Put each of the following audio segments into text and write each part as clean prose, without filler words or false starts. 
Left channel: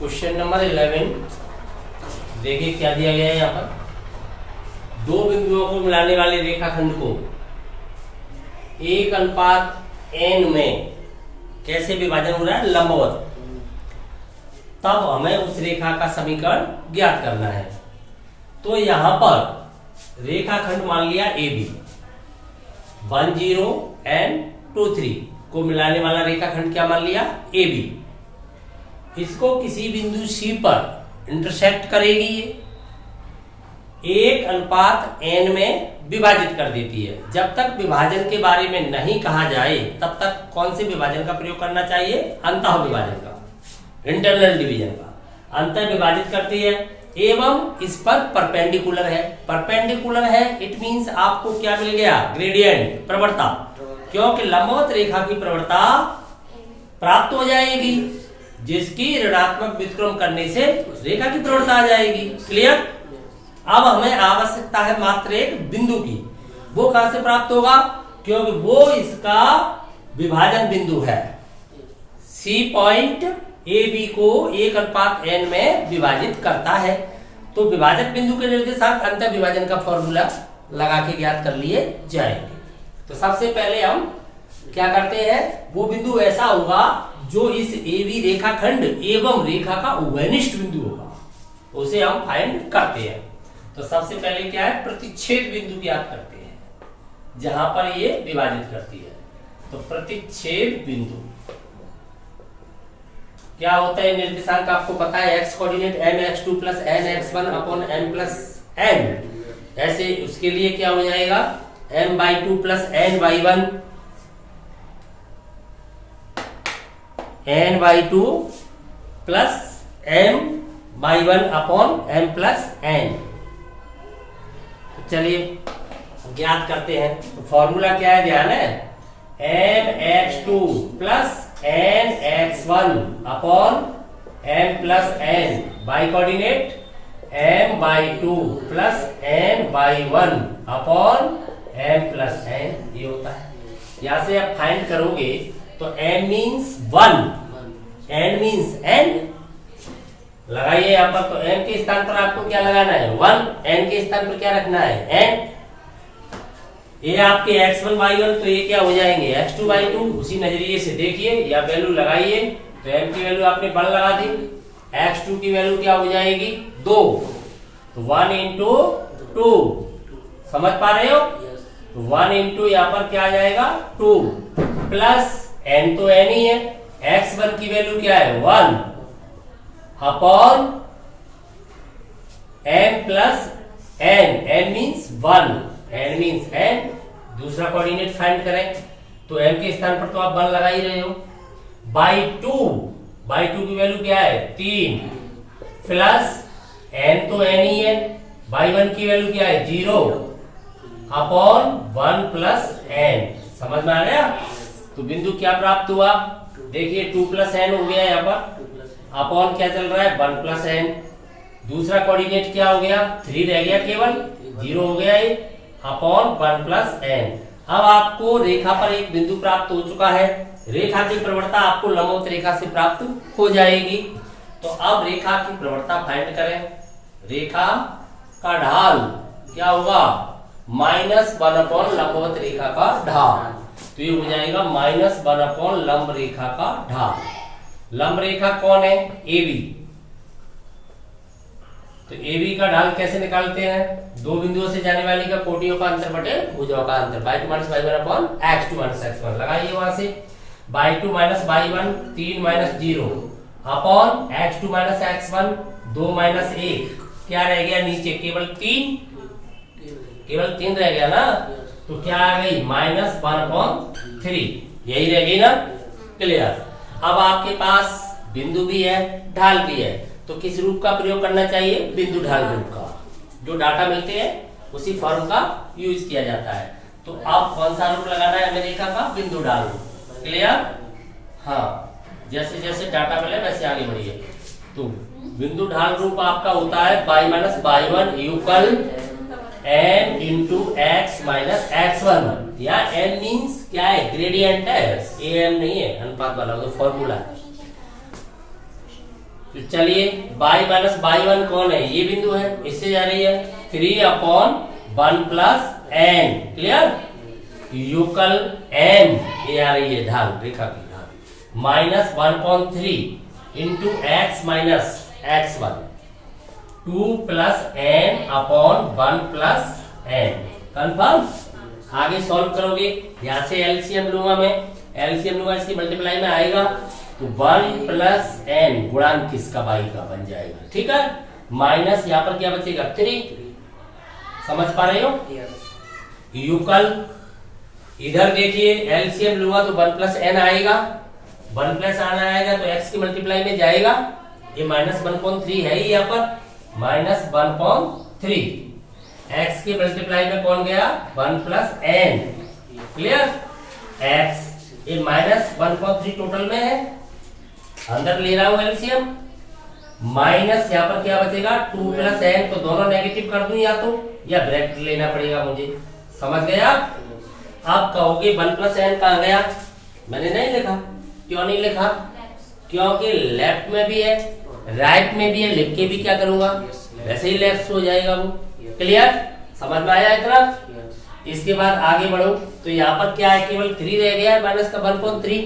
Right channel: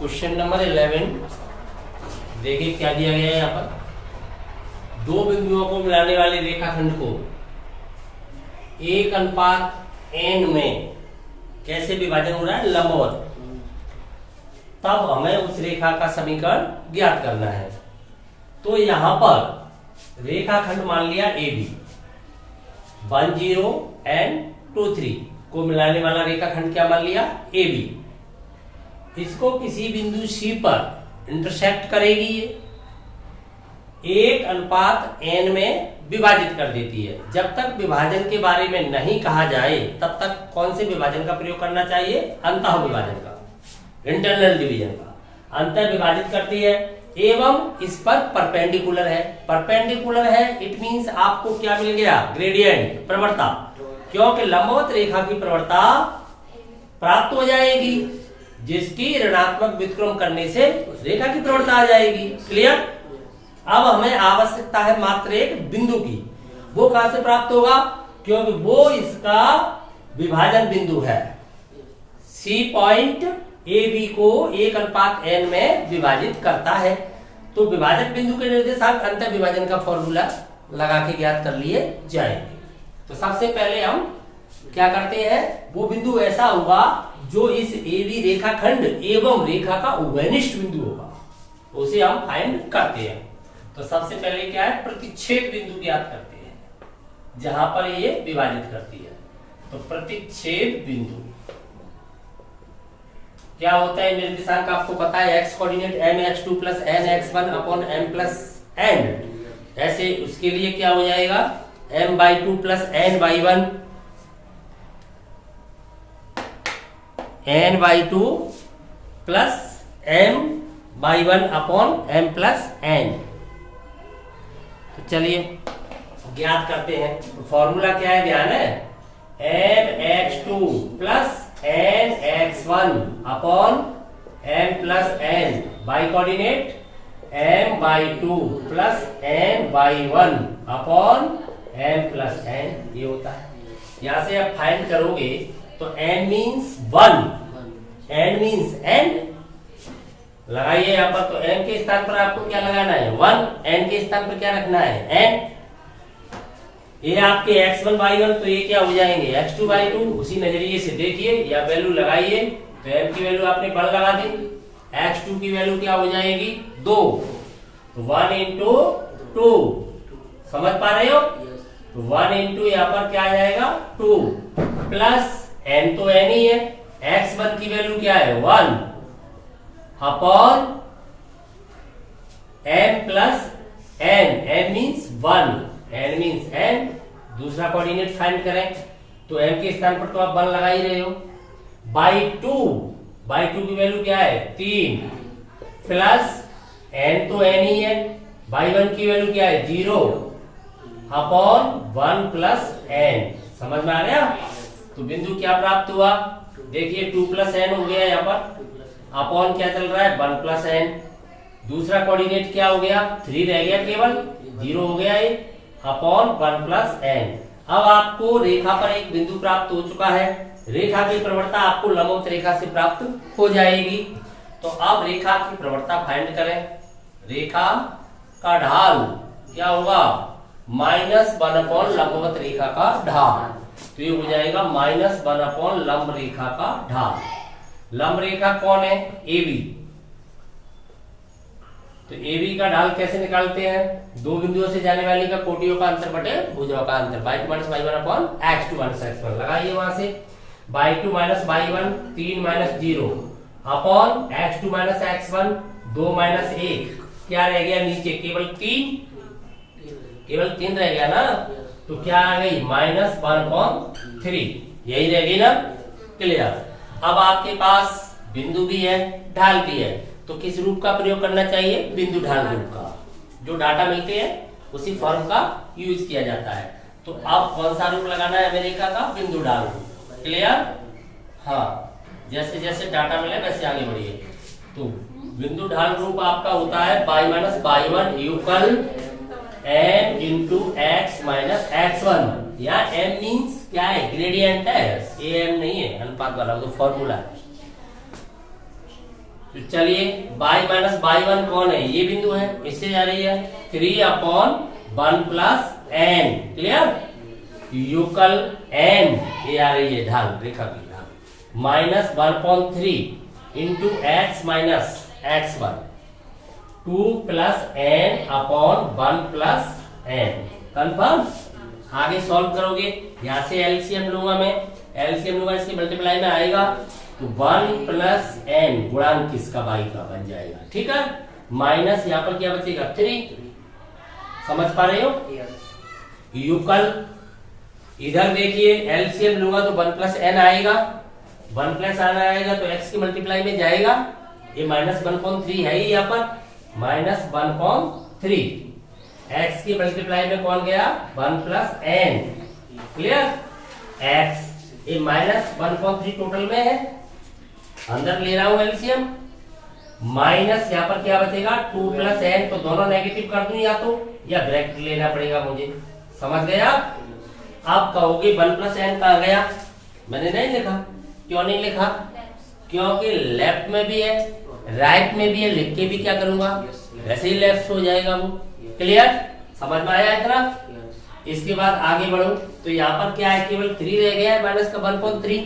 Question number 11 देखिए क्या दिया गया है यहाँ पर। दो बिंदुओं को मिलाने वाले रेखाखंड को 1:n में कैसे विभाजन हो रहा है, लंबवत। तब हमें उस रेखा का समीकरण ज्ञात करना है। तो यहां पर रेखाखंड मान लिया AB 1 0 and 2 3 को मिलाने वाला रेखाखंड क्या मान लिया, AB। इसको किसी बिंदु C पर इंटरसेक्ट करेगी, ये 1:n में विभाजित कर देती है। जब तक विभाजन के बारे में नहीं कहा जाए तब तक कौन से विभाजन का प्रयोग करना चाहिए, अंतः विभाजन का, इंटरनल डिवीजन का। अंतर विभाजित करती है एवं इस पर परपेंडिकुलर है। परपेंडिकुलर है इट मींस आपको क्या मिल गया, ग्रेडियंट, प्रवणता। क्योंकि लंबवत रेखा की प्रवणता प्राप्त हो जाएगी जिसकी ऋणात्मक व्युत्क्रम करने से उस रेखा की प्रवणता आ जाएगी। क्लियर। अब हमें आवश्यकता है मात्र एक बिंदु की। वो कहां से प्राप्त होगा, क्योंकि वो इसका विभाजन बिंदु है। C पॉइंट AB को 1:n में विभाजित करता है। तो विभाजक बिंदु के निर्देशांक अंतर विभाजन का फॉर्मूला लगा के ज्ञात कर लिए जाएंगे। तो सबसे पहले हम क्या करते हैं, वो बिंदु ऐसा होगा जो इस AB रेखाखंड एवं रेखा का उभयनिष्ठ बिंदु होगा, उसे हम फाइंड करते हैं। तो सबसे पहले क्या है, प्रतिच्छेद बिंदु ज्ञात करते हैं जहां पर ये विभाजित करती है। तो प्रतिच्छेद बिंदु क्या होता है, निर्देशांक आपको पता है, x coordinate mx2 plus nx1 upon m plus n। ऐसे उसके लिए क्या हो जाएगा, m/2 plus n/1, n/2 plus m/1 upon m plus n। तो चलिए ज्ञात करते हैं। तो फॉर्मूला क्या है, ध्यान है, mx2 plus nx1 upon m plus n, by coordinate m/2 plus n/1 upon m plus n, ये होता है। यहां से आप फाइंड करोगे तो m means 1, n means n, लगाइए यहाँ पर। तो m के स्थान पर आपको क्या लगाना है, 1, n के स्थान पर क्या रखना है, n। ये आपके x1 y1, तो ये क्या हो जाएंगे, x2 y2। उसी नजरिए से देखिए या वैल्यू लगाइए। तो m की वैल्यू आपने 1 लगा दी, x2 की वैल्यू क्या हो जाएगी, 2। तो 1 into 2, समझ पा रहे हो। तो 1 into यहाँ पर क्या आ जाएगा, 2 प्लस n, तो n ही है। x1 की वैल्यू क्या है, 1 upon m plus n, n means 1, n means n। दूसरा कोऑर्डिनेट फाइंड करें तो m के स्थान पर तो आप 1 लगा ही रहे हो, बाई 2 की वैल्यू क्या है, 3 प्लस n, तो n ही है, बाई 1 की वैल्यू क्या है, 0 अपॉन 1 प्लस n। समझ में आ गया। तो बिंदु क्या प्राप्त हुआ, देखिए 2 प्लस n हो गया यहाँ पर, अपॉन क्या चल रहा है, 1 प्लस n। दूसरा कोऑर्डिनेट क्या हो गया, 3 रह गया, केवल 0 हो गया ये, अपॉन 1 प्लस n। अब आपको रेखा पर एक बिंदु प्राप्त हो चुका है। रेखा की प्रवणता आपको लंबवत रेखा से प्राप्त हो जाएगी। तो अब रेखा की प्रवणता फाइंड करें। रेखा का ढाल क्या होगा, -1 अपॉन लंबवत रेखा का ढाल। तो ये हो जाएगा -1 अपॉन लंब रेखा का ढाल। लंब रेखा कौन है, AB। तो AB का ढाल कैसे निकालते हैं, दो बिंदुओं से जाने वाली का कोटियों का अंतर बटे भुजाओं का अंतर, y2 - y1 upon x2 - x1। लगाइए वहां से, y2 - y1 3 - 0 upon x2 - x1 2 - 1, क्या रह गया नीचे, केवल 3 रह गया ना। तो क्या आ गई, -1/3, यही रह गई ना। क्लियर। अब आपके पास बिंदु भी है, ढाल भी है, तो किस रूप का प्रयोग करना चाहिए, बिंदु ढाल रूप का। जो डाटा मिलते हैं उसी फॉर्म का यूज किया जाता है। तो अब कौन सा रूप लगाना है हमें रेखा का, बिंदु ढाल रूप। क्लियर। हाँ, जैसे जैसे डाटा मिले वैसे आगे बढ़िए। तो बिंदु ढाल रूप आपका होता है y - y1 equal n into x minus x1। यहाँ n मीन्स क्या है, ग्रेडियंट है, am नहीं है, अनुपात वाला, वो तो फॉर्मूला है। तो चलिए बाई माइनस बाई वन कौन है, ये बिंदु है, इससे जा रही है 3/1 प्लस एन, क्लियर, यूकल एन, ये आ रही है ढाल, रेखा की ढाल, minus 1/3 into X minus x1, 2 plus N upon 1 plus N, confirm. आगे सॉल्व करोगे, यहां से एलसीएम लूंगा मैं, एलसीएम लूंगा, इसकी मल्टीप्लाई में आएगा तो 1 प्लस एन गुणांक किसका, बाई का बन जाएगा, ठीक है, माइनस यहाँ पर क्या बचेगा 3, समझ पा रहे हो, यूकल, इधर देखिए एलसीएम लूंगा तो 1 प्लस एन आएगा, 1 प्लस एन आएगा तो एक्स की मल्टीप्लाई में जाएगा, ये माइनस 1/3 है यहाँ पर, माइनस 1/3, एक्स की मल्टीप्लाई में कौन गया 1 प्लस एन, क्लियर, एक्स, ये माइनस 1/3 टोटल में है, अंदर ले रहा हूं एलसीएम, माइनस यहाँ पर क्या बचेगा 2 प्लस एन, तो दोनों नेगेटिव कर दूं या ब्रैकेट लेना पड़ेगा मुझे, समझ गया। आप कहोगे 1 प्लस एन कहाँ गया, मैंने नहीं लिखा, क्यों नहीं लिखा, क्योंकि लेफ्ट में भी है राइट में भी है, लिख के भी क्या करूंगा, वैसे ही लेफ्ट हो जाएगा वो, क्लियर, समझ में आया इतना। इसके बाद आगे बढ़ो तो यहाँ पर क्या है, केवल 3 रह गया है, माइनस का 1/3,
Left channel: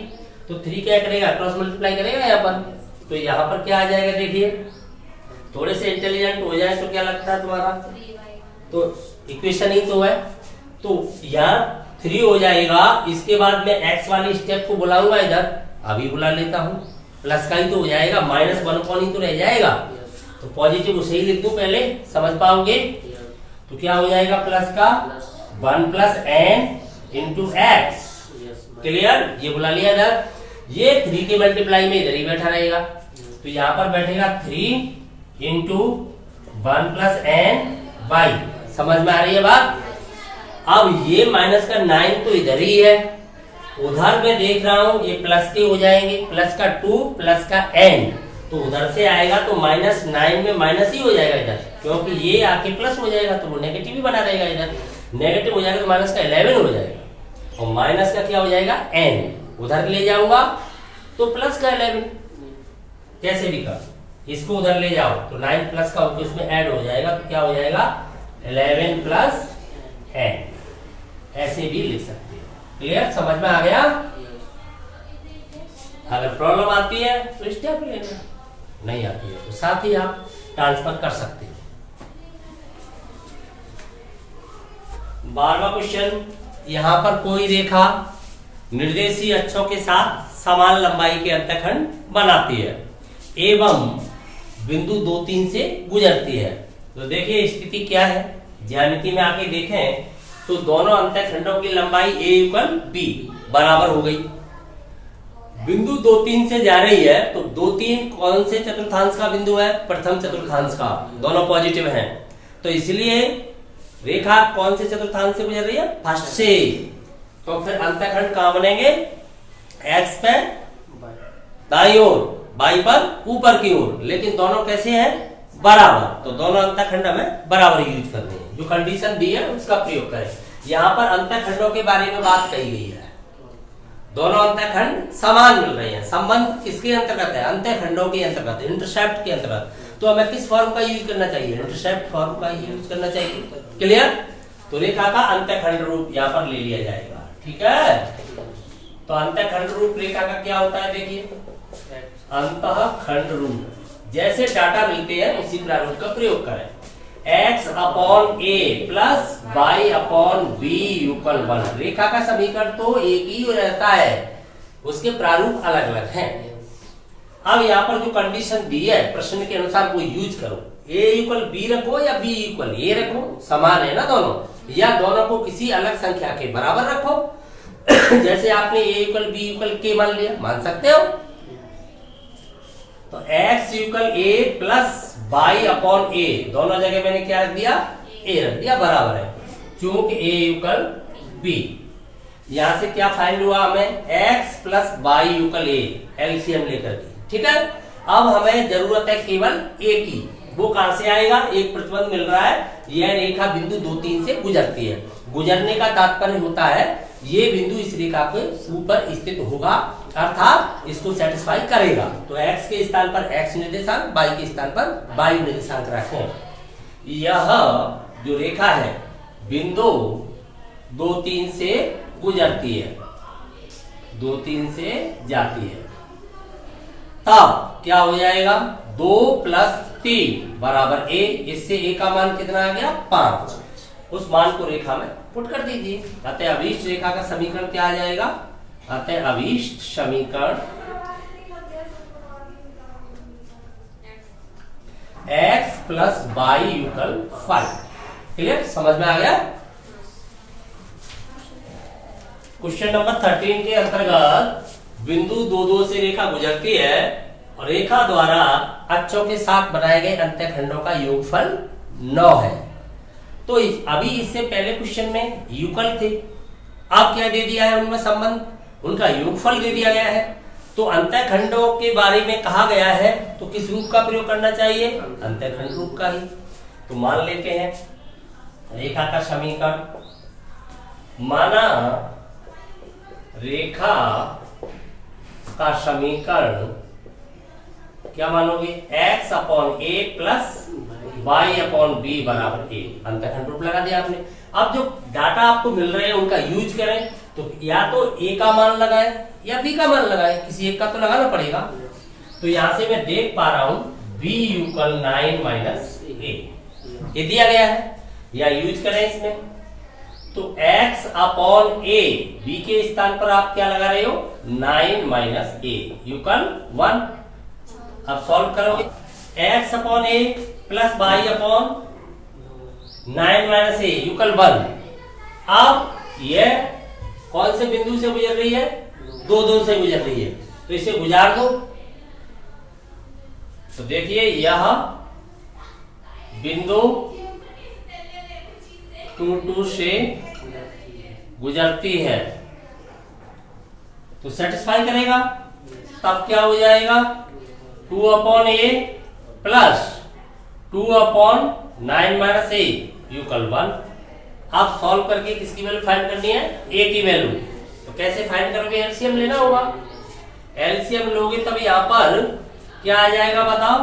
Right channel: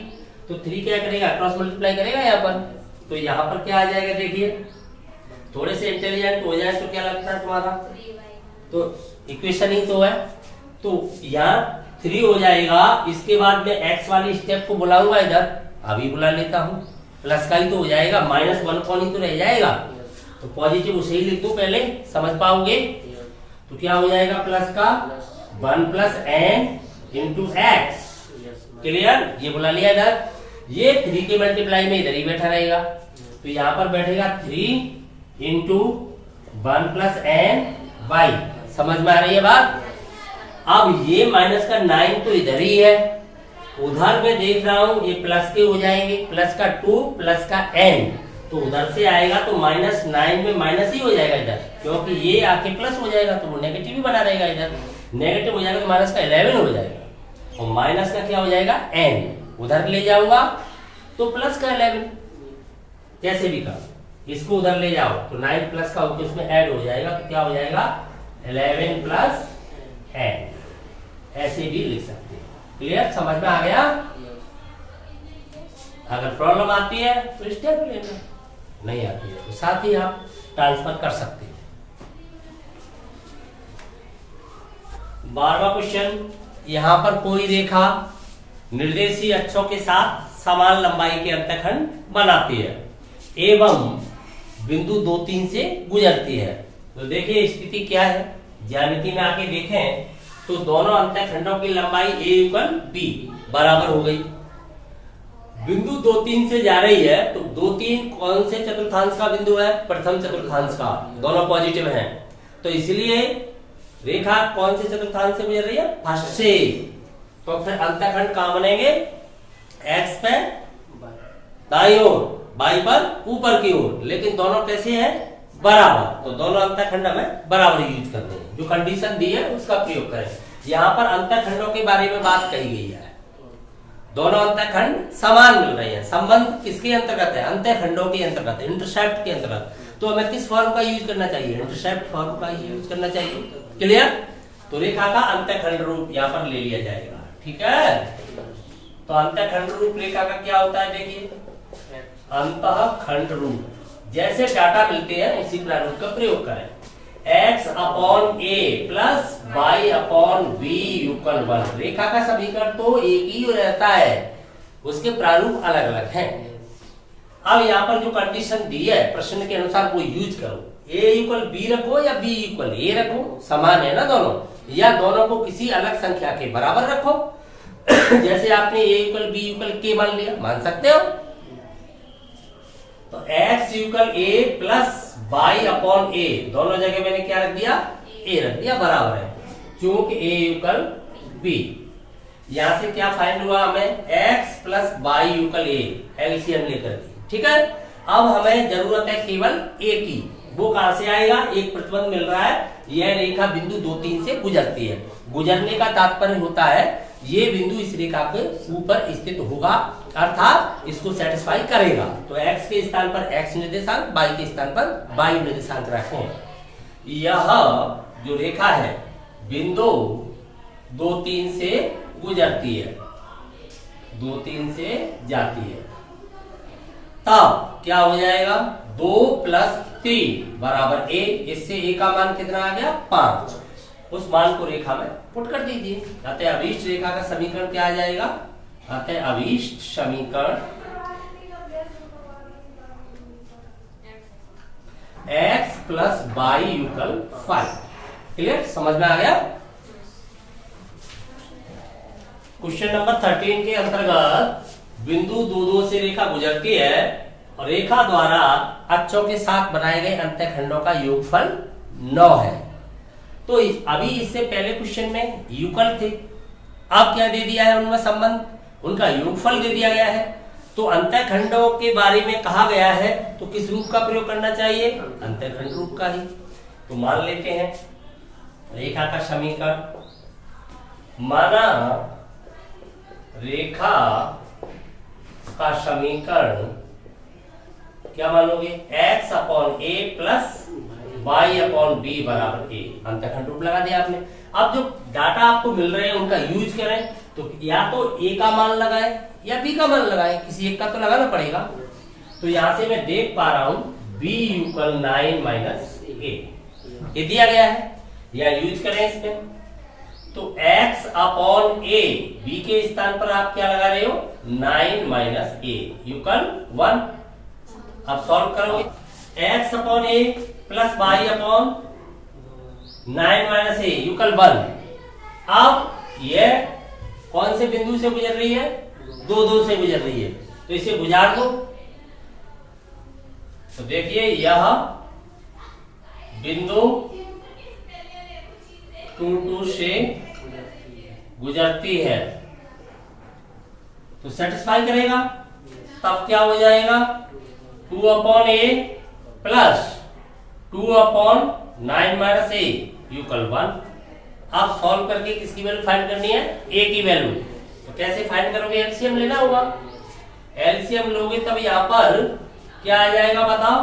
तो 3 क्या करेगा, क्रॉस मल्टीप्लाई करेगा यहाँ पर, तो यहाँ पर क्या आ जाएगा, देखिए थोड़े से इंटेलिजेंट हो जाए तो क्या लगता है तुम्हारा, तो इक्वेशन ही तो है, तो यहाँ 3 हो जाएगा, इसके बाद में एक्स वाली स्टेप को बुलाऊंगा इधर, अभी बुला लेता हूँ, प्लस का ही तो हो जाएगा, माइनस 1 ही तो रह जाएगा, तो पॉजिटिव उसे ही लिख दूं पहले, समझ पाओगे, तो क्या हो जाएगा प्लस का 1 plus N into X, clear, ये बुला लिया इधर, ये 3 के मल्टीप्लाई में इधर ही बैठा रहेगा, तो यहाँ पर बैठेगा 3 इंटू 1 प्लस एन वाई, समझ में आ रही है बात। अब ये माइनस का 9 तो इधर ही है, उधर मैं देख रहा हूं ये प्लस के हो जाएंगे, प्लस का 2 प्लस का एन, तो उधर से आएगा तो -9 में माइनस ही हो जाएगा इधर, क्योंकि ये आके प्लस हो जाएगा तो वो नेगेटिव ही बना रहेगा, इधर नेगेटिव हो जाएगा तो माइनस का 11 हो जाएगा, और माइनस का क्या हो जाएगा n, उधर ले जाऊंगा तो प्लस का 11, कैसे भी कर, इसको उधर ले जाओ तो 9 प्लस का होकर उसमें ऐड हो जाएगा, तो क्या हो जाएगा 11 प्लस n, ऐसे भी लिख सकते हो, क्लियर, समझ में आ गया। अगर प्रॉब्लम आती है तो स्टेप लेना, नहीं आती है तो साथ ही आप ट्रांसफर कर सकते हैं। 12वां क्वेश्चन, यहाँ पर कोई रेखा निर्देशीय अक्षों के साथ समान लंबाई के अंतःखंड बनाती है एवं बिंदु 2, 3 से गुजरती है, तो देखिए स्थिति क्या है, ज्यामिति में आके देखें तो दोनों अंतःखंडों की लंबाई a = b बराबर हो गई, बिंदु 2, 3 से जा रही है, तो 2, 3 कौन से चतुर्थांश का बिंदु है, प्रथम चतुर्थांश का, दोनों पॉजिटिव हैं, तो इसलिए रेखा कौन से चतुर्थांश से गुजर रही है, फर्स्ट से, तो फिर अंतःखंड कहां बनेंगे, एक्स पे दाईं ओर, बाई पर ऊपर की ओर, लेकिन दोनों कैसे हैं, बराबर, तो दोनों अंतःखंड हमें बराबर यूज करने हैं, जो कंडीशन दी है उसका प्रयोग करें। यहाँ पर अंतःखंडों के बारे में बात कही गई है, दोनों अंतःखंड समान मिल रहे हैं, संबंध किसके अंतर्गत है, अंतःखंडों के अंतर्गत, इंटरसेप्ट के अंतर्गत, तो हमें किस फॉर्म का यूज करना चाहिए, इंटरसेप्ट फॉर्म का ही यूज करना चाहिए, क्लियर, तो रेखा का अंतःखंड रूप यहाँ पर ले लिया जाएगा, ठीक है। तो अंतःखंड रूप रेखा का क्या होता है, देखिए अंतःखंड रूप, जैसे डाटा मिलते हैं उसी प्रारूप का प्रयोग करें, x/a प्लस y/b = 1, रेखा का समीकरण तो एक ही रहता है, उसके प्रारूप अलग अलग हैं। अब यहाँ पर जो कंडीशन दी है प्रश्न के अनुसार वो यूज करो, a = b रखो या b = a रखो, समान है ना दोनों, या दोनों को किसी अलग संख्या के बराबर रखो जैसे आपने a = b = k मान लिया, मान सकते हो, तो x = a प्लस y/a, दोनों जगह मैंने क्या रख दिया, a रख दिया, बराबर है, क्योंकि a = b, यहां से क्या फाइंड हुआ हमें, x plus y = a, LCM लेकर के, ठीक है। अब हमें जरूरत है केवल a की, वो कहां से आएगा, एक प्रतिबंध मिल रहा है, यह रेखा बिंदु 2, 3 से गुजरती है, गुजरने का तात्पर्य होता है ये बिंदु इस रेखा के ऊपर स्थित होगा, अर्थात इसको सेटिस्फाई करेगा। तो x के स्थान पर x निर्देशांक, y के स्थान पर y निर्देशांक रखें। यह जो रेखा है बिंदु 2 3 से गुजरती है, 2 3 से जाती है, तब क्या हो जाएगा 2 + 3 = a। इससे a का मान कितना आ गया 5। उस मान को रेखा में पुट कर दीजिए। कहते हैं अभीष्ट रेखा का समीकरण क्या आ जाएगा, कहते हैं अभीष्ट समीकरण x + y = 5। क्लियर, समझ में आ गया। क्वेश्चन नंबर 13 के अंतर्गत बिंदु 2 2 से रेखा गुजरती है और रेखा द्वारा अक्षों के साथ बनाए गए अंतःखंडों का योगफल 9 है। तो अभी इससे पहले क्वेश्चन में युगल थे, अब क्या दे दिया है उनमें संबंध, उनका योगफल दे दिया गया है। तो अंतःखंडों के बारे में कहा गया है तो किस रूप का प्रयोग करना चाहिए, अंतःखंड रूप का ही। तो मान लेते हैं रेखा का समीकरण, माना रेखा का समीकरण क्या मानोगे, x/a + y/b = a। अंतःखंड रूप लगा दिया आपने। अब जो डाटा आपको मिल रहे हैं उनका यूज करें, तो या तो a का मान लगाए या b का मान लगाए, किसी एक का तो लगाना पड़ेगा। तो यहां से मैं देख पा रहा हूं b = 9 - a, ये दिया गया है, या यूज करें इसमें। तो x/a, b के स्थान पर आप क्या लगा रहे हो 9 - a = 1। अब सॉल्व करोगे x/a + y/9 - a = 1। अब यह कौन से बिंदु से गुजर रही है, 2 2 से गुजर रही है, तो इसे गुजार दो। तो देखिए यह बिंदु 2 2 से गुजरती है, तो सेटिस्फाई करेगा। तब क्या हो जाएगा 2/a + 2/9 - a = 1। आप सॉल्व करके किसकी वैल्यू फाइंड करनी है, a की वैल्यू। तो कैसे फाइंड करोगे, एलसीएम लेना होगा। एलसीएम लोगे तब यहाँ पर क्या आ जाएगा बताओ।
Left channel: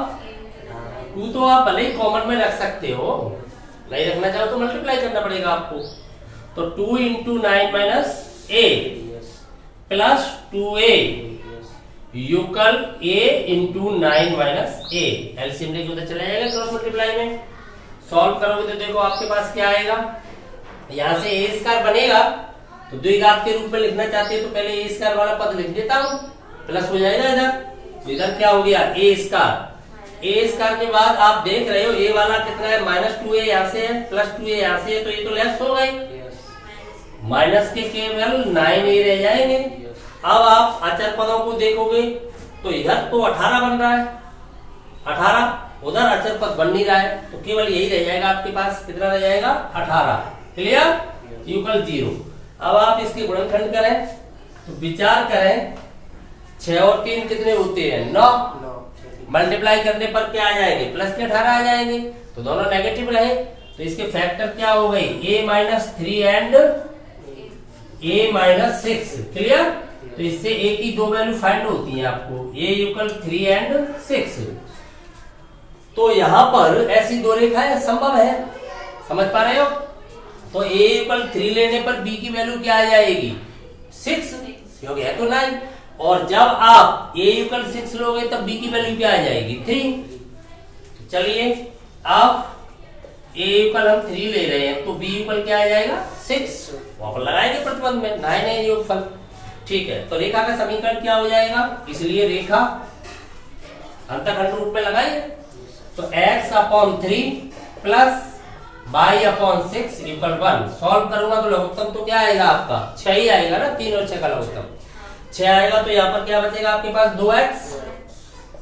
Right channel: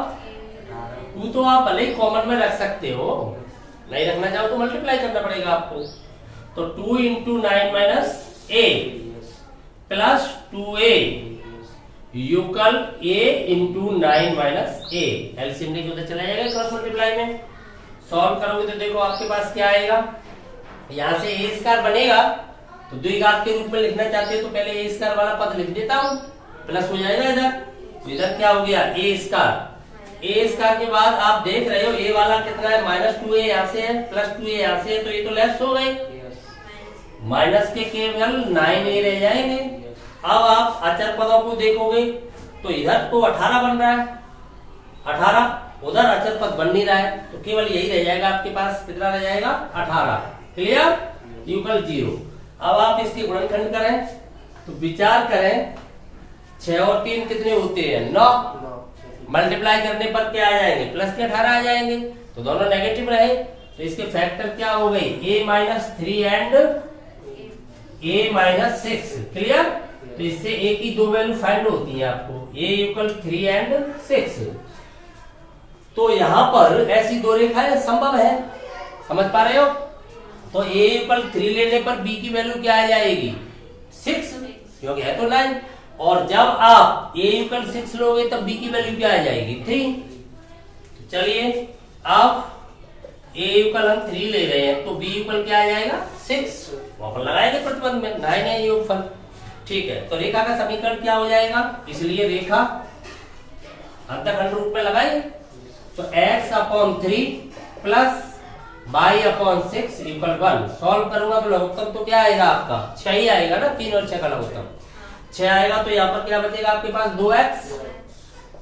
2 तो आप भले ही कॉमन में रख सकते हो, नहीं रखना चाहो तो मल्टीप्लाई करना पड़ेगा आपको। तो 2 × 9 - a + 2a = a × 9 - a। LCM लेके उधर चला जाएगा क्रॉस मल्टीप्लाई में। सॉल्व करोगे तो देखो आपके पास क्या आएगा, यहां से a² बनेगा, तो द्विघात के रूप में लिखना चाहते हो तो पहले a² वाला पद लिख देता हूं, प्लस हो जाएगा इधर। इधर क्या हो गया a² के बाद आप देख रहे हो a वाला कितना है -2a यहां से है, +2a यहां से है, तो ये तो लेफ्ट हो गए, माइनस के केवल 9a रह जाएंगे। अब आप अचर पदों को देखोगे तो इधर तो 18 बन रहा है, 18, उधर अचर पद बन नहीं रहा है, तो केवल यही रह जाएगा आपके पास, कितना रह जाएगा 18। क्लियर, = 0। अब आप इसके गुणनखंड करें तो विचार करें 6 और 3 कितने होते हैं 9, मल्टीप्लाई करने पर क्या आ जाएंगे प्लस के 18 आ जाएंगे, तो दोनों नेगेटिव रहे, तो इसके फैक्टर क्या हो गई a-3 एंड a-6। क्लियर, तो इससे a की 2 वैल्यू फाइंड होती है आपको, a = 3 एंड 6। तो यहां पर ऐसी 2 रेखाएं संभव है, समझ पा रहे हो। तो a = 3 लेने पर b की वैल्यू क्या आ जाएगी 6, क्योंकि है तो 9, और जब आप a = 6 लोगे तब b की वैल्यू क्या आ जाएगी 3। चलिए अब a = हम 3 ले रहे हैं तो b = क्या आ जाएगा 6, वहां पर लगाएंगे प्रतिबंध में 9 है योगफल। ठीक है, तो रेखा का समीकरण क्या हो जाएगा, इसलिए रेखा अंतःखंड रूप में लगाए, तो x/3 + y/6 = 1। सॉल्व करूंगा तो लघुत्तम तो क्या आएगा आपका 6 ही आएगा ना, 3 और 6 का लघुत्तम 6 आएगा। तो यहाँ पर क्या बचेगा आपके पास 2x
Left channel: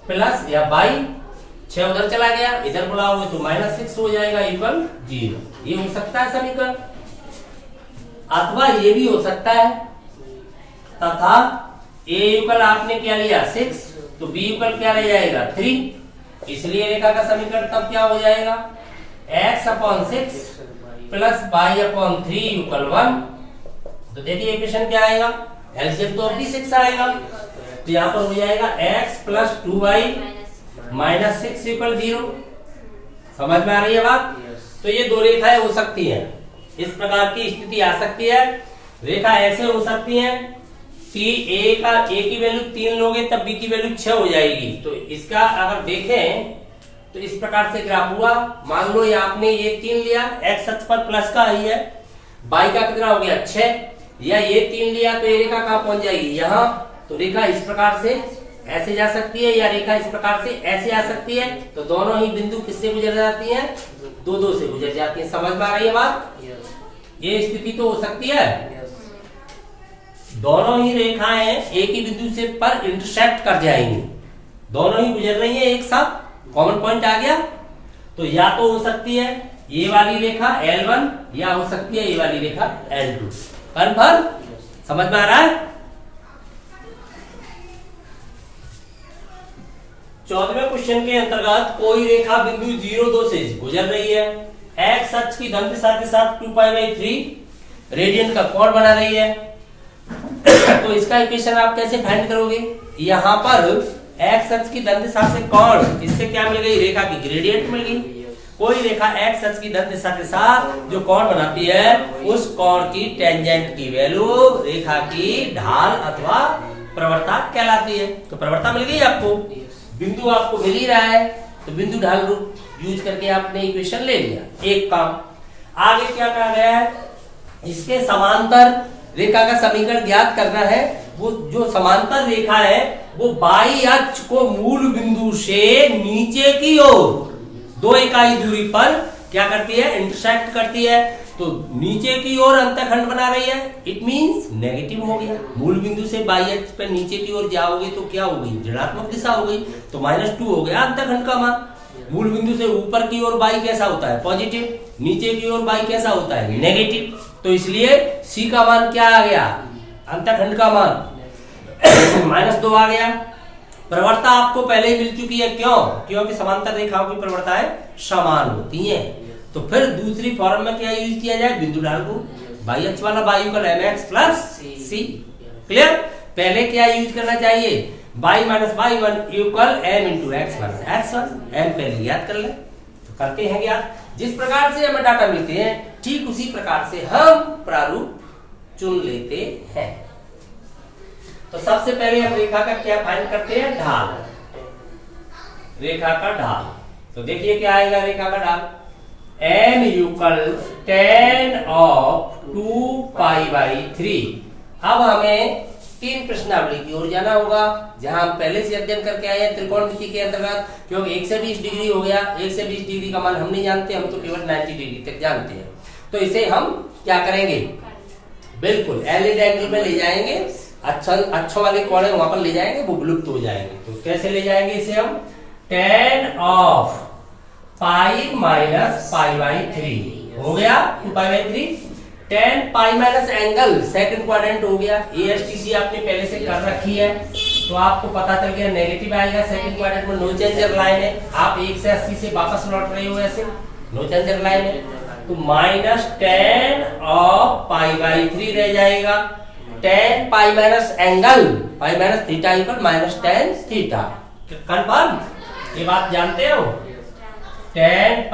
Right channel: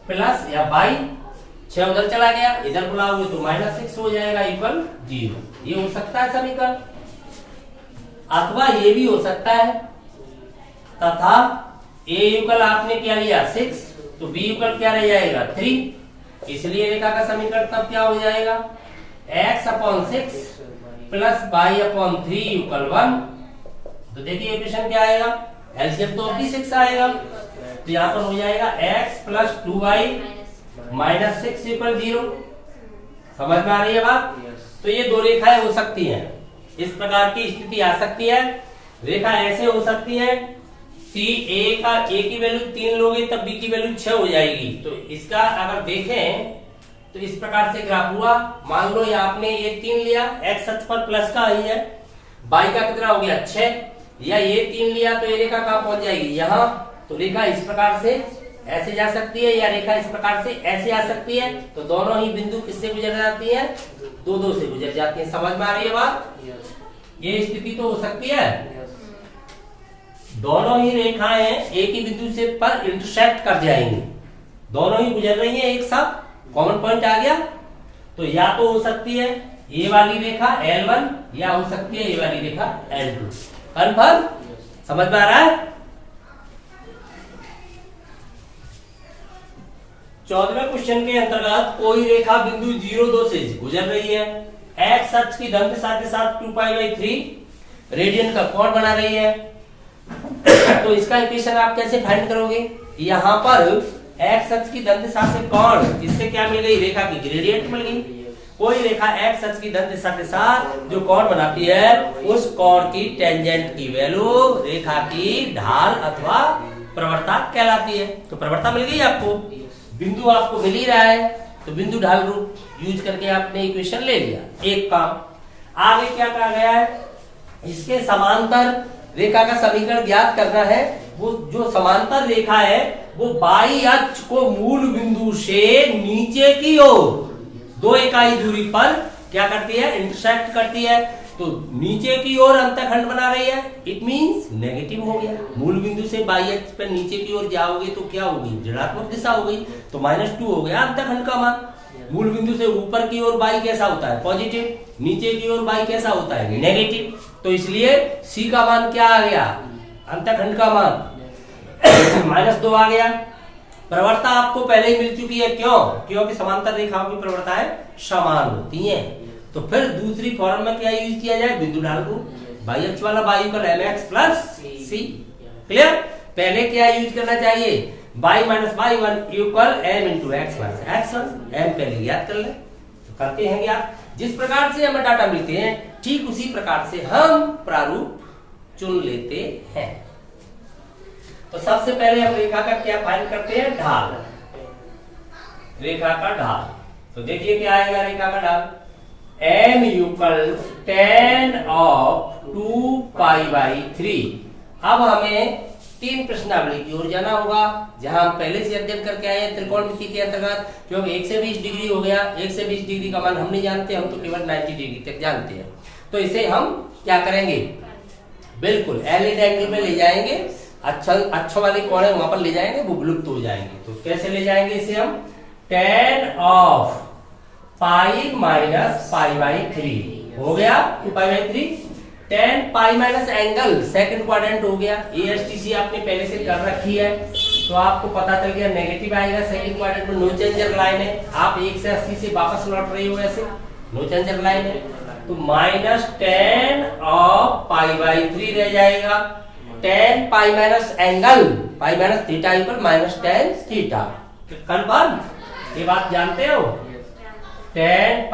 प्लस या y, 6 उधर चला गया, इधर बुलाओगे तो -6 हो जाएगा = 0। ये हो सकता है समीकरण, अथवा ये भी हो सकता है, तथा a आपने क्या लिया 6, तो b क्या रह जाएगा 3। इसलिए रेखा का समीकरण तब क्या हो जाएगा x/6 + y/3 = 1। तो तो देखिए इक्वेशन क्या आएगा, एलसीएम तो अभी 6 आएगा, तो यहाँ पर हो जाएगा x plus 2y minus 6 equal 0। समझ में आ रही है बात? तो ये दो रेखाएं हो सकती हैं, इस प्रकार की स्थिति आ सकती है। रेखा ऐसे हो सकती है कि a की वैल्यू 3 लोगे तब b की वैल्यू 6 हो जाएगी। तो इसका अगर देखें तो इस प्रकार से ग्राफ हुआ। मान लो ये आपने ये 3 लिया, x अक्ष पर प्लस का ही है, y का कितना हो गया 6, या ये 3 लिया तो ये रेखा कहां पहुंच जाएगी यहाँ। तो रेखा इस प्रकार से ऐसे जा सकती है, या रेखा इस प्रकार से ऐसे आ सकती है। तो दोनों ही बिंदु किससे गुजर जाती हैं, 2 से गुजर जाती हैं। समझ में आ रही है बात? ये स्थिति तो हो सकती है। दोनों ही रेखाएं एक ही बिंदु से पर इंटरसेक्ट कर जाएंगी, दोनों ही गुजर रही हैं एक साथ, कॉमन पॉइंट आ गया। तो या तो हो सकती है ये वाली रेखा L1, या हो सकती है ये वाली रेखा L2। कन्फर्म? समझ में आ रहा है? 14वें क्वेश्चन के अंतर्गत कोई रेखा बिंदु 0,2 से गुजर रही है, x अक्ष की धन दिशा के साथ 2π/3 रेडियन का कोण बना रही है। तो इसका इक्वेशन आप कैसे फाइंड करोगे? यहाँ पर x अक्ष की धन दिशा से कोण, इससे क्या मिल गई, रेखा की ग्रेडियंट मिल गई। कोई रेखा x अक्ष की धन दिशा के साथ जो कोण बनाती है, उस कोण की टेंजेंट की वैल्यू रेखा की ढाल अथवा प्रवणता कहलाती है। तो प्रवणता मिल गई आपको, बिंदु आपको मिल ही रहा है, तो बिंदु ढाल रूप यूज करके आपने इक्वेशन ले लिया। एक काम आगे क्या कहा गया है, इसके समांतर रेखा का समीकरण ज्ञात करना है। वो जो समांतर रेखा है वो बाई अक्ष को मूल बिंदु से नीचे की ओर 2 इकाई दूरी पर क्या करती है, इंटरसेक्ट करती है। तो नीचे की ओर अंतःखंड बना रही है, इट मींस नेगेटिव हो गया। मूल बिंदु से बाई अक्ष पर नीचे की ओर जाओगे तो क्या हो गई, ऋणात्मक दिशा हो गई, तो -2 हो गया अंतःखंड का मान। मूल बिंदु से ऊपर की ओर बाई कैसा होता है, पॉजिटिव, नीचे की ओर बाई कैसा होता है, नेगेटिव। तो इसलिए सी का मान क्या आ गया, अंतःखंड का मान -2 आ गया। प्रवणता आपको पहले ही मिल चुकी है, क्यों? क्योंकि समांतर रेखाओं की प्रवणताएं समान होती हैं। तो फिर दूसरी फॉर्म में क्या यूज किया जाए, बिंदु ढाल को, बाई अक्ष वाला y = mx plus c। Clear? पहले क्या यूज करना चाहिए, y - y1 = m × x - x1। m पहले याद कर ले, तो करते हैं ज्ञात। जिस प्रकार से हमें डाटा मिलते हैं ठीक उसी प्रकार से हम प्रारूप चुन लेते हैं। तो सबसे पहले हम रेखा का क्या फाइंड करते हैं, ढाल, रेखा का ढाल। तो देखिए क्या आएगा रेखा का ढाल, m = tan of 2π/3। अब हमें 3 प्रश्नावली की ओर जाना होगा, जहां हम पहले से अध्ययन करके आए हैं त्रिकोणमिति के अंतर्गत। क्योंकि 120 डिग्री हो गया, 120 डिग्री का मान हम नहीं जानते, हम तो केवल 90 डिग्री तक जानते हैं। तो इसे हम क्या करेंगे, बिल्कुल एलिड एंगल में ले जाएंगे, अच्छों वाले कोण है वहां पर ले जाएंगे, वो विलुप्त हो जाएंगे। तो कैसे ले जाएंगे इसे हम, tan of π - π/3 हो गया 2π/3। tan π- एंगल सेकंड क्वाड्रेंट हो गया, ASTC आपने पहले से कर रखी है, तो आपको पता चल गया नेगेटिव आएगा। सेकंड क्वाड्रेंट में नो चेंजर लाइन है, आप 1 से 80 से वापस लौट रहे हो, ऐसे नो चेंजर लाइन है। तो -tan of π/3 रह जाएगा। tan π- angle π - theta = -tan theta. Confirm? ये बात जानते हो, tan π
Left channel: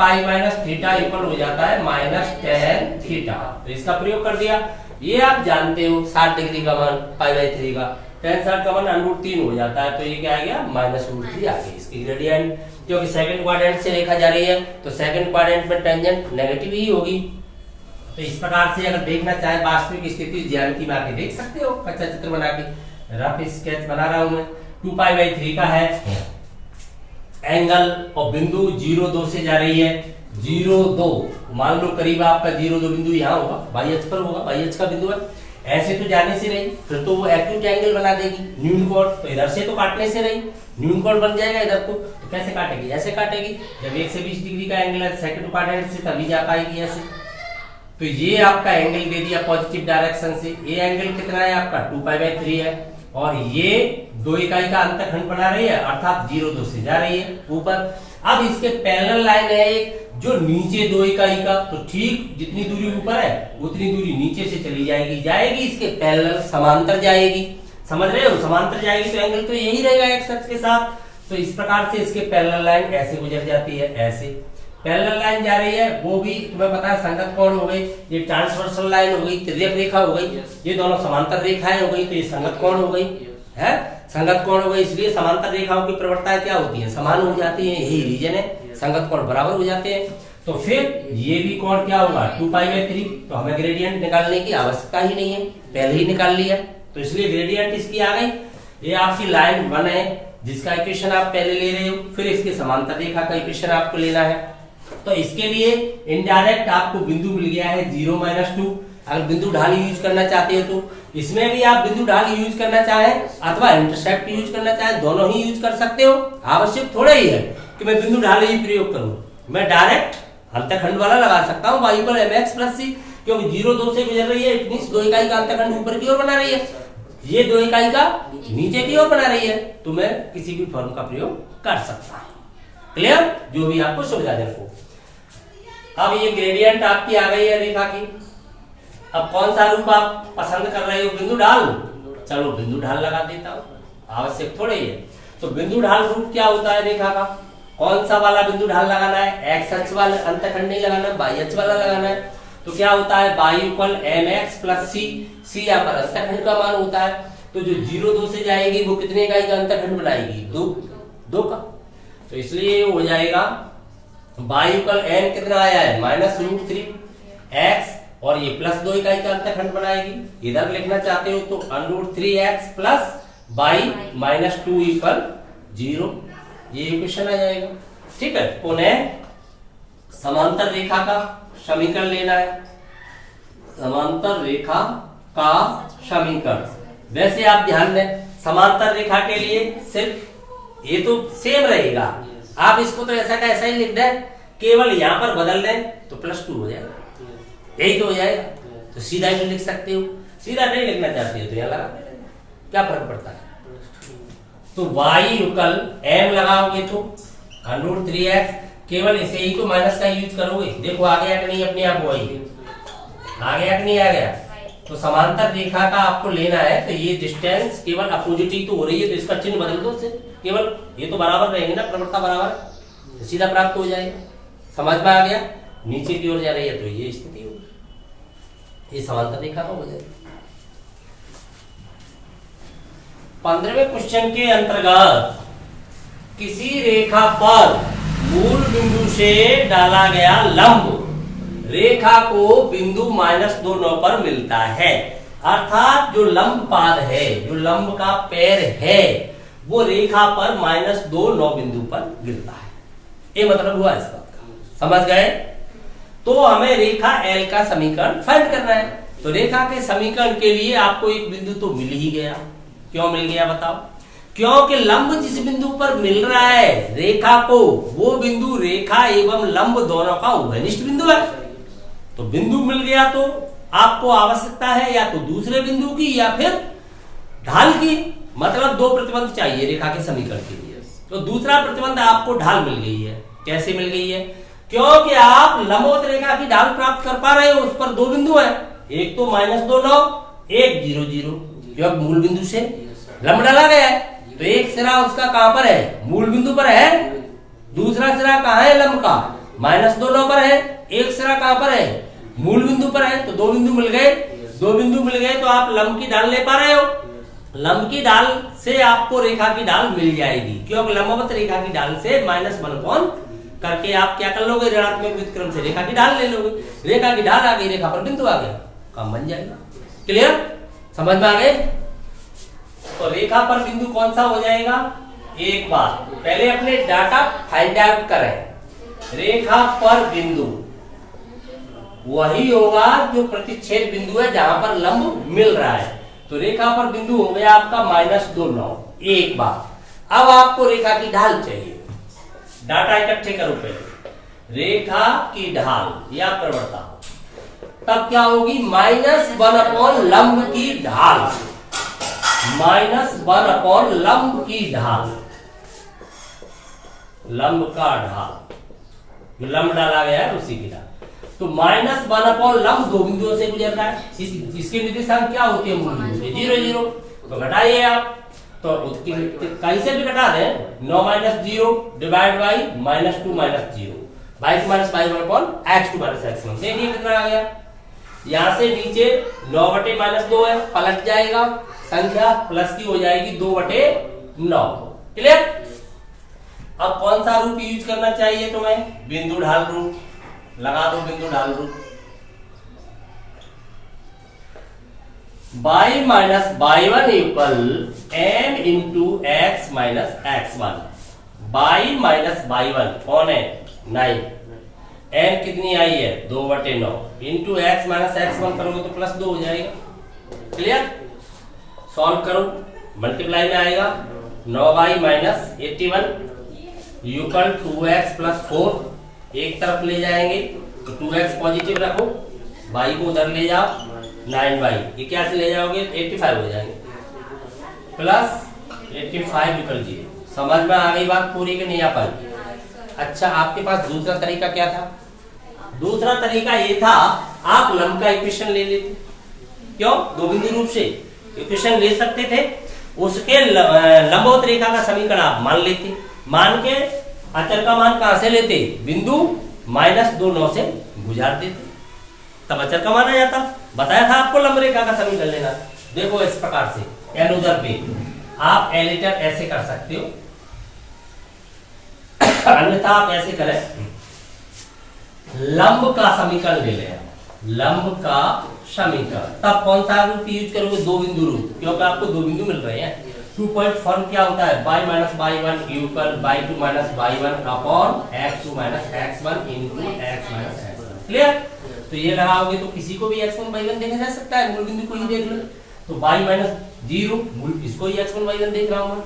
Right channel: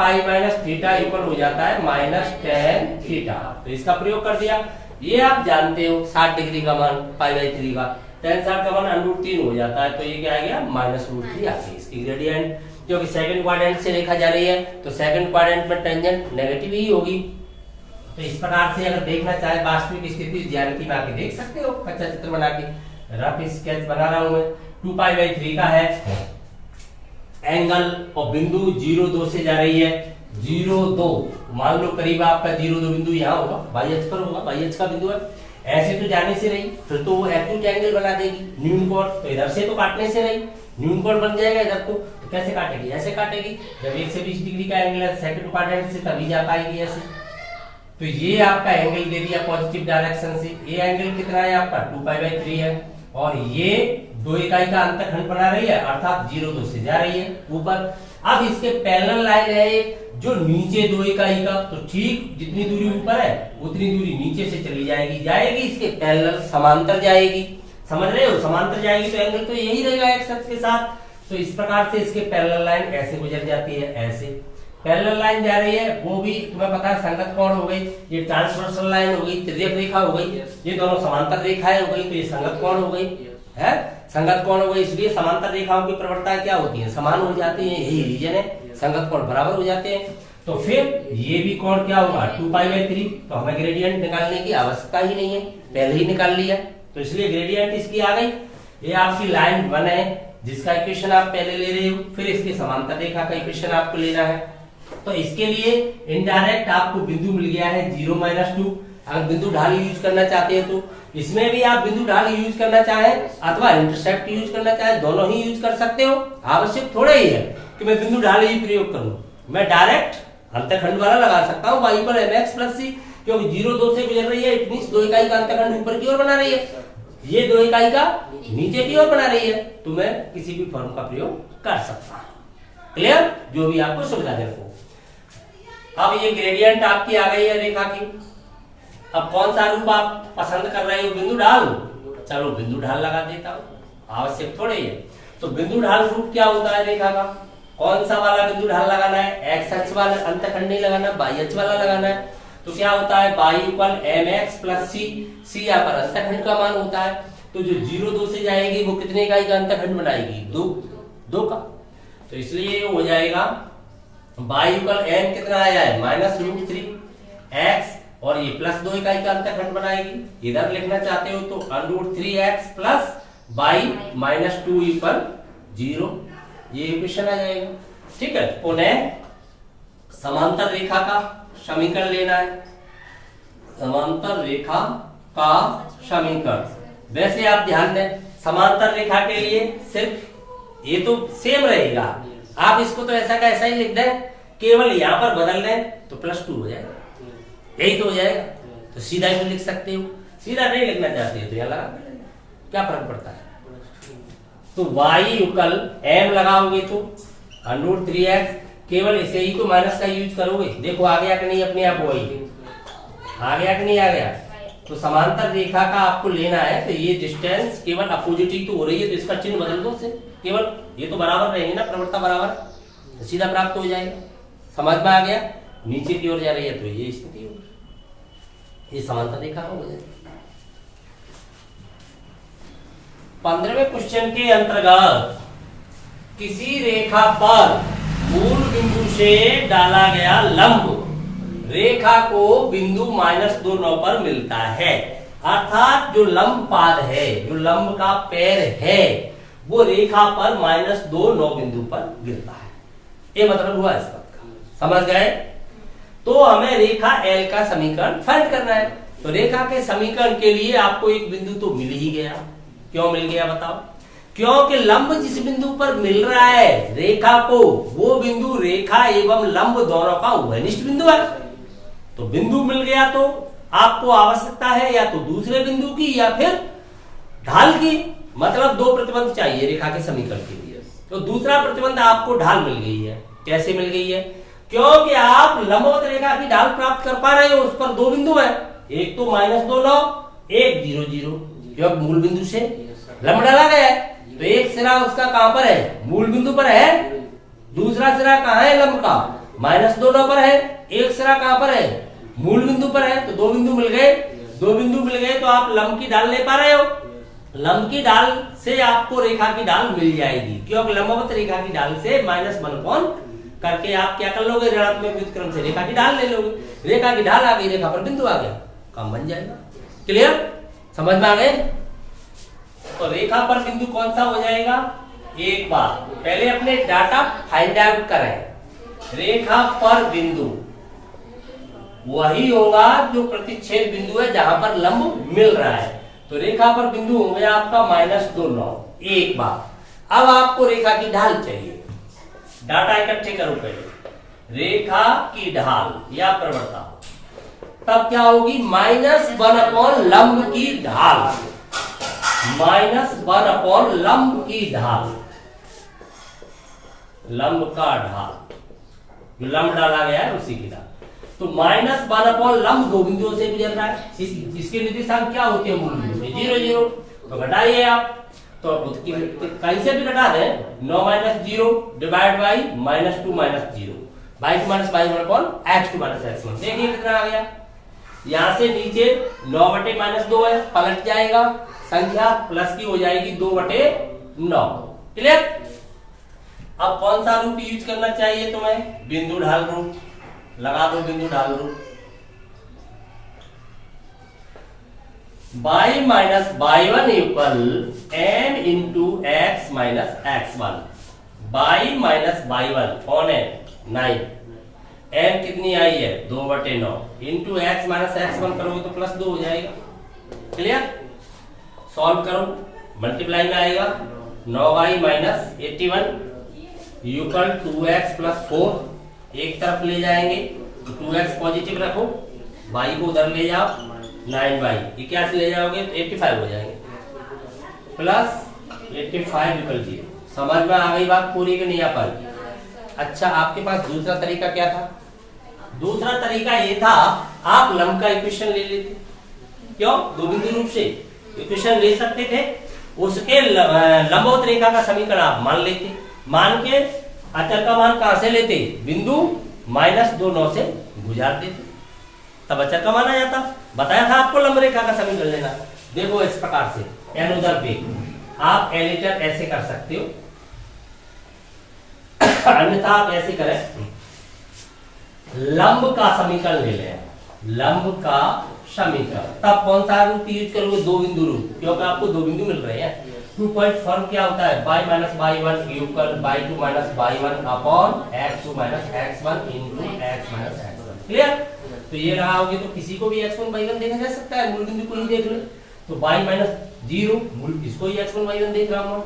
- थीटा इक्वल हो जाता है -tan थीटा। तो इसका प्रयोग कर दिया। ये आप जानते हो 60 डिग्री का मान π/3 का, tan 60 का मान √3 हो जाता है। तो ये क्या आ गया, -√3 आ गई इसकी ग्रेडियंट। क्योंकि सेकंड क्वाड्रेंट से रेखा जा रही है तो सेकंड क्वाड्रेंट में टेंजेंट नेगेटिव ही होगी। तो इस प्रकार से अगर देखना चाहे वास्तविक स्थिति ज्यामिति में आके देख सकते हो, कच्चा चित्र बना के, रफ स्केच बना रहा हूं मैं। 2π/3 का है एंगल और बिंदु 0,2 से जा रही है, 0,2 मान लो करीब आपका 0,2 बिंदु यहाँ होगा, बाई अक्ष पर होगा, बाई अक्ष का बिंदु है। ऐसे तो जाने से नहीं, फिर तो वो एक्यूट एंगल बना देगी, न्यून कोण। तो इधर से तो काटने से नहीं, न्यून कोण बन जाएगा इधर को। तो कैसे काटेगी, ऐसे काटेगी। जब 120 डिग्री का एंगल है सेकंड क्वाड्रेंट से, तभी जा पाएगी ऐसे। तो ये आपका एंगल दे दिया पॉजिटिव डायरेक्शन से। ये एंगल कितना है आपका 2π/3 है, और ये 2 इकाई का अंतखंड बना रही है, अर्थात 0 2 से जा रही है ऊपर। अब इसके पैरेलल लाइन है एक जो नीचे 2 इकाई का, तो ठीक जितनी दूरी ऊपर है उतनी दूरी नीचे से चली जाएगी इसके पैरेलल समांतर जाएगी। समझ रहे हो, समांतर जाएगी तो एंगल तो यही रहेगा एक्स अक्ष के साथ। तो इस प्रकार से इसके पैरेलल लाइन ऐसे गुजर जाती है, ऐसे पैरेलल लाइन जा रही है, वो भी तुम्हें पता है संगत कोण हो गई, ये ट्रांसवर्सल लाइन हो गई, तिर्यक रेखा हो गई, ये दोनों समांतर रेखाएं हो गई, तो ये संगत कोण हो गई है, संगत कोण हो गई। इसलिए समांतर रेखाओं की प्रवणताएं क्या होती है, समान हो जाती है, यही रीजन है, संगत कोण बराबर हो जाते हैं। तो फिर ये भी कोण क्या होगा 2π/3, तो हमें ग्रेडियंट निकालने की आवश्यकता ही नहीं है, पहले ही निकाल लिया, तो इसलिए ग्रेडियंट इसकी आ गई। ये आपकी लाइन 1 है जिसका इक्वेशन आप पहले ले रहे हो, फिर इसके समांतर रेखा का इक्वेशन आपको लेना है। तो इसके लिए इनडायरेक्ट आपको बिंदु मिल गया है 0 - 2। अगर बिंदु ढाल यूज करना चाहते हो तो इसमें भी आप बिंदु ढाल यूज करना चाहे अथवा इंटरसेप्ट यूज करना चाहे, दोनों ही यूज कर सकते हो। आवश्यक थोड़ा ही है कि मैं बिंदु ढाल ही प्रयोग करूं, मैं डायरेक्ट अंतखंड वाला लगा सकता हूं y = mx + c, क्योंकि 0 2 से गुजर रही है, इट मींस 2 इकाई का अंतखंड ऊपर की ओर बना रही है, ये 2 इकाई का नीचे की ओर बना रही है, तो मैं किसी भी फॉर्म का प्रयोग कर सकता हूं। क्लियर, जो भी आपको सुविधाजनक हो। अब ये ग्रेडियंट आपकी आ गई है रेखा की। अब कौन सा रूप आप पसंद कर रहे हो, बिंदु ढाल? चलो बिंदु ढाल लगा देता हूं, आवश्यक थोड़े ही है। तो बिंदु ढाल रूप क्या होता है रेखा का, कौन सा वाला बिंदु ढाल लगाना है, एक्स अक्ष वाला अंतखंड नहीं लगाना है, वाई अक्ष वाला लगाना है। तो क्या होता है y = mx + c, c यहाँ पर अंतखंड का मान होता है, तो जो 0 2 से जाएगी वो कितने इकाई का अंतखंड बनाएगी, 2 का। तो इसलिए हो जाएगा y = m कितना आया है -√3x, और ये +2 इकाई का अंतखंड बनाएगी। इधर लिखना चाहते हो तो √3x + y - 2 = 0, ये इक्वेशन आ जाएगा। ठीक है, पुनः समांतर रेखा का समीकरण लेना है, समांतर रेखा का समीकरण। वैसे आप ध्यान दें, समांतर रेखा के लिए सिर्फ ये तो सेम रहेगा, आप इसको तो ऐसा का ऐसा ही लिख दें, केवल यहां पर बदल दें तो +2 हो जाएगा, यही तो हो जाएगा। तो सीधा ही लिख सकते हो, सीधा नहीं लिखना चाहते हो तो यहां लगा दें, क्या फर्क पड़ता है। तो y = m लगाओगे तो √3x, केवल इसे ही तो माइनस का यूज करोगे। देखो आ गया कि नहीं, अपने आप वही आ गया कि नहीं आ गया। तो समांतर रेखा का आपको लेना है, तो ये डिस्टेंस केवल अपोजिट ही तो हो रही है, तो इसका चिन्ह बदल दो से, केवल ये तो बराबर रहेंगे ना, प्रवणता बराबर है, तो सीधा प्राप्त हो जाएगा। समझ में आ गया, नीचे की ओर जा रही है तो ये स्थिति होगी, ये समांतर रेखा का हो जाएगा। 15वें क्वेश्चन के अंतर्गत किसी रेखा पर मूल बिंदु से डाला गया लंब रेखा को बिंदु -2 9 पर मिलता है, अर्थात जो लंब पाद है, जो लंब का पैर है, वो रेखा पर -2 9 बिंदु पर गिरता है। ये मतलब हुआ इस बात का, समझ गए। तो हमें रेखा L का समीकरण फाइंड करना है। तो रेखा के समीकरण के लिए आपको एक बिंदु तो मिल ही गया। क्यों मिल गया बताओ? क्योंकि लंब जिस बिंदु पर मिल रहा है रेखा को, वो बिंदु रेखा एवं लंब दोनों का उभयनिष्ठ बिंदु है। तो बिंदु मिल गया तो आपको आवश्यकता है या तो दूसरे बिंदु की या फिर ढाल की, मतलब 2 प्रतिबंध चाहिए रेखा के समीकरण के लिए। तो दूसरा प्रतिबंध आपको ढाल मिल गई है। कैसे मिल गई है? क्योंकि आप लंबवत रेखा की ढाल प्राप्त कर पा रहे हो, उस पर 2 बिंदु है, एक तो -2 9, एक 0 0, क्योंकि मूल बिंदु से लंब डाला गया है, तो एक सिरा उसका कहां पर है, मूल बिंदु पर है, दूसरा सिरा कहां है लंब का, -2 9 पर है, एक सिरा कहां पर है, मूल बिंदु पर है। तो 2 बिंदु मिल गए, 2 बिंदु मिल गए तो आप लंब की ढाल ले पा रहे हो। लंब की ढाल से आपको रेखा की ढाल मिल जाएगी, क्योंकि लंबवत रेखा की ढाल से -1 करके आप क्या कर लोगे, ऋणात्मक व्युत्क्रम से रेखा की ढाल ले लोगे। रेखा की ढाल आ गई, रेखा पर बिंदु आ गया, काम बन जाएगा। क्लियर, समझ में आ गए। तो रेखा पर बिंदु कौन सा हो जाएगा? एक बार पहले अपने डाटा फाइंड आउट करें। रेखा पर बिंदु वही होगा जो प्रतिच्छेद बिंदु है जहां पर लंब मिल रहा है। तो रेखा पर बिंदु हो गया आपका -2 9 एक बार। अब आपको रेखा की ढाल चाहिए, डाटा इकट्ठे करो पहले। रेखा की ढाल या प्रवणता तब क्या होगी, -1 लंब की ढाल, -1 अपॉन लंब की ढाल, लंब का ढाल, जो लंब डाला गया है उसी की ढाल। तो -1 अपॉन लंब दो बिंदुओं से गुजर रहा है, इसके निर्देशांक क्या होते हैं? मूल बिंदु से 0 0। तो घटाइए आप, तो उसकी कैसे भी घटा दें, 9 - 0 divide by -2 - 0 by 2 - y1 upon x2 - x1। देखिए कितना आ गया। यहां से नीचे 9/-2 है, पलट जाएगा, संख्या प्लस की हो जाएगी 2/9। क्लियर? अब कौन सा रूप यूज करना चाहिए तुम्हें? बिंदु ढाल रूप लगा दो, बिंदु ढाल रूप। y minus y1 equal n into x minus x1। y minus y1 कौन है? 9। n कितनी आई है? 2/9 इंटू x माइनस x1 करोगे तो +2 हो जाएगा। क्लियर? सॉल्व करो, मल्टीप्लाई में आएगा 9y माइनस 81 इक्वल 2x + 4। एक तरफ ले जाएंगे तो 2x पॉजिटिव रखो, y को उधर ले जाओ, 9y ये क्या से ले जाओगे तो 85 हो जाएंगे, प्लस 85 इक्वल 0। समझ में आ गई बात पूरी कि नहीं आ पाई? अच्छा, आपके पास दूसरा तरीका क्या था? दूसरा तरीका ये था, आप लंब का इक्वेशन ले लेते। क्यों? दो बिंदु रूप से इक्वेशन ले सकते थे, उसके लंबवत रेखा का समीकरण आप मान लेते। मान के अचर का मान कहां से लेते? बिंदु -2 9 से गुजार देते, तब अचर का मान आ जाता। बताया था आपको लंब रेखा का समीकरण लेना। देखो इस प्रकार से n उधर पे आप एलिटर ऐसे कर सकते हो, अन्यथा आप ऐसे करें, लंब का समीकरण ले लें, लंब का समीकरण। तब कौन सा रूप यूज करोगे? दो बिंदु रूप, क्योंकि आपको दो बिंदु मिल रहे हैं। 2 पॉइंट फॉर्म क्या होता है? y minus y1 equal y2 minus y1 upon x2 minus x1 into x minus x1। Clear? तो ये लगाओगे तो किसी को भी x1 y1 देखा जा सकता है, मूल बिंदु को ही देख लो। तो y माइनस 0 मूल इसको ही x1 y1 देख रहा हूं।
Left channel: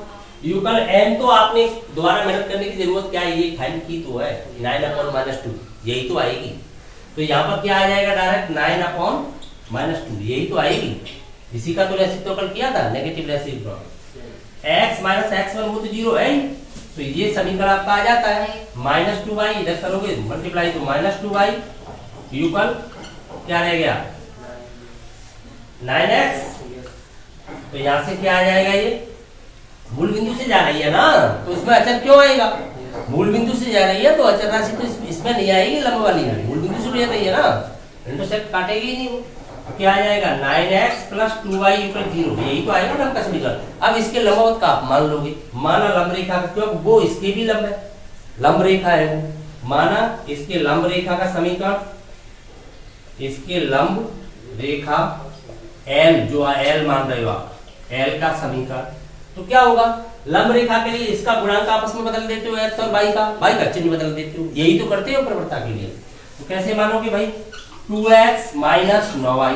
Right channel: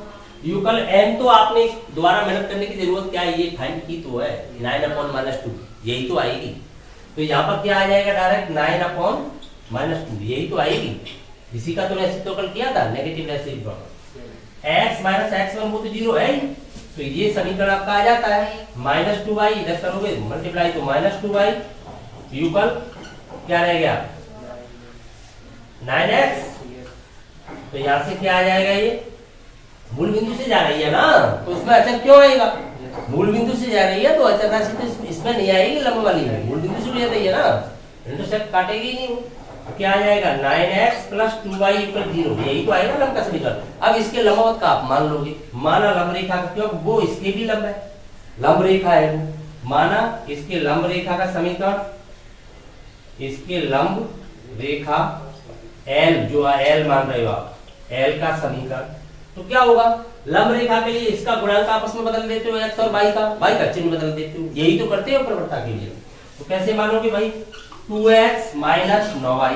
इक्वल n तो आपने दोबारा मेहनत करने की जरूरत क्या है, ये फाइंड की तो है, 9/-2 यही तो आएगी। तो यहाँ पर क्या आ जाएगा? डायरेक्ट 9/-2 यही तो आएगी। इसी का तो रेसिप्रोकल किया था, negative reciprocal. x minus x1 वो तो 0 है ही, तो ये समीकरण आपका आ जाता है। -2y इधर करोगे मल्टीप्लाई तो -2y इक्वल क्या रह गया? 9x। तो यहां से क्या आ जाएगा? ये मूल बिंदु से जा रही है ना, तो उसमें अचर क्यों आएगा? मूल बिंदु से जा रही है तो अचर राशि तो इसमें नहीं आएगी, लंब वाली में मूल बिंदु से ले रही है ना, इंटरसेक्ट काटेगी नहीं। तो क्या आ जाएगा? 9x + 2y = 0, यही तो आएगा लंब का समीकरण। अब इसके लंबवत का आप मान लोगे, माना लंब रेखा का, क्योंकि वो इसके भी लंब है, लंब रेखा है वो, माना इसके लंब रेखा का समीकरण, इसके लंब रेखा L जो L मान रहे हो आप, L का समीकरण, तो क्या होगा? लंब रेखा के लिए इसका गुणांक आपस में बदल देते हो, x और y का चिन्ह बदल देते हो, यही तो करते हो प्रवृत्ता के लिए। तो कैसे मानोगे भाई? 2x माइनस 9y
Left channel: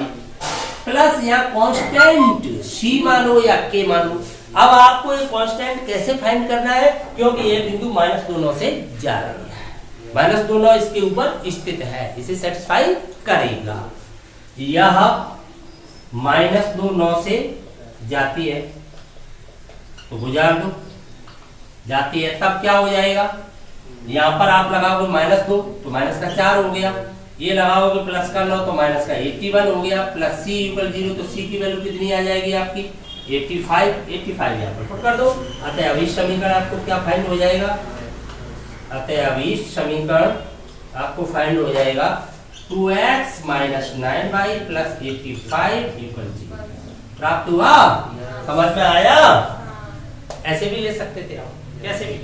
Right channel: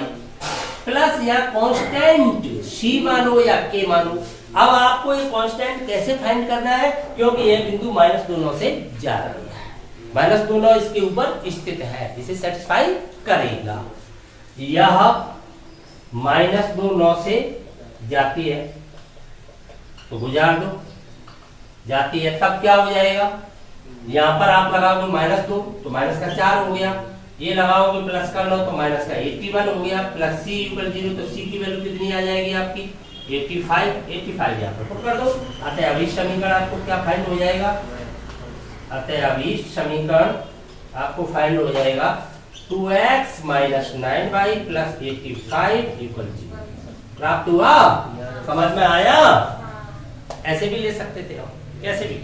प्लस यहाँ कांस्टेंट c मानो या k मानो। अब आपको ये कांस्टेंट कैसे फाइंड करना है? क्योंकि ये बिंदु -2 9 से जा रही है, -2 9 इसके ऊपर स्थित है, इसे सेटिस्फाई करेगा। यह -2 9 से जाती है तो गुजार दो, जाती है, तब क्या हो जाएगा? यहाँ पर आप लगाओगे -2 तो माइनस का 4 हो गया, ये लगाओगे प्लस का 9 तो माइनस का 81 हो गया, प्लस c = 0 तो c की वैल्यू कितनी आ जाएगी आपकी? 85 यहाँ पर पुट कर दो। अतः अभीष्ट समीकरण आपको क्या फाइंड हो जाएगा? अतः अभीष्ट समीकरण आपको फाइंड हो जाएगा 2x - 9y + 85 = 0। प्राप्त हुआ? समझ में आया? ऐसे भी ले सकते थे हम, कैसे भी।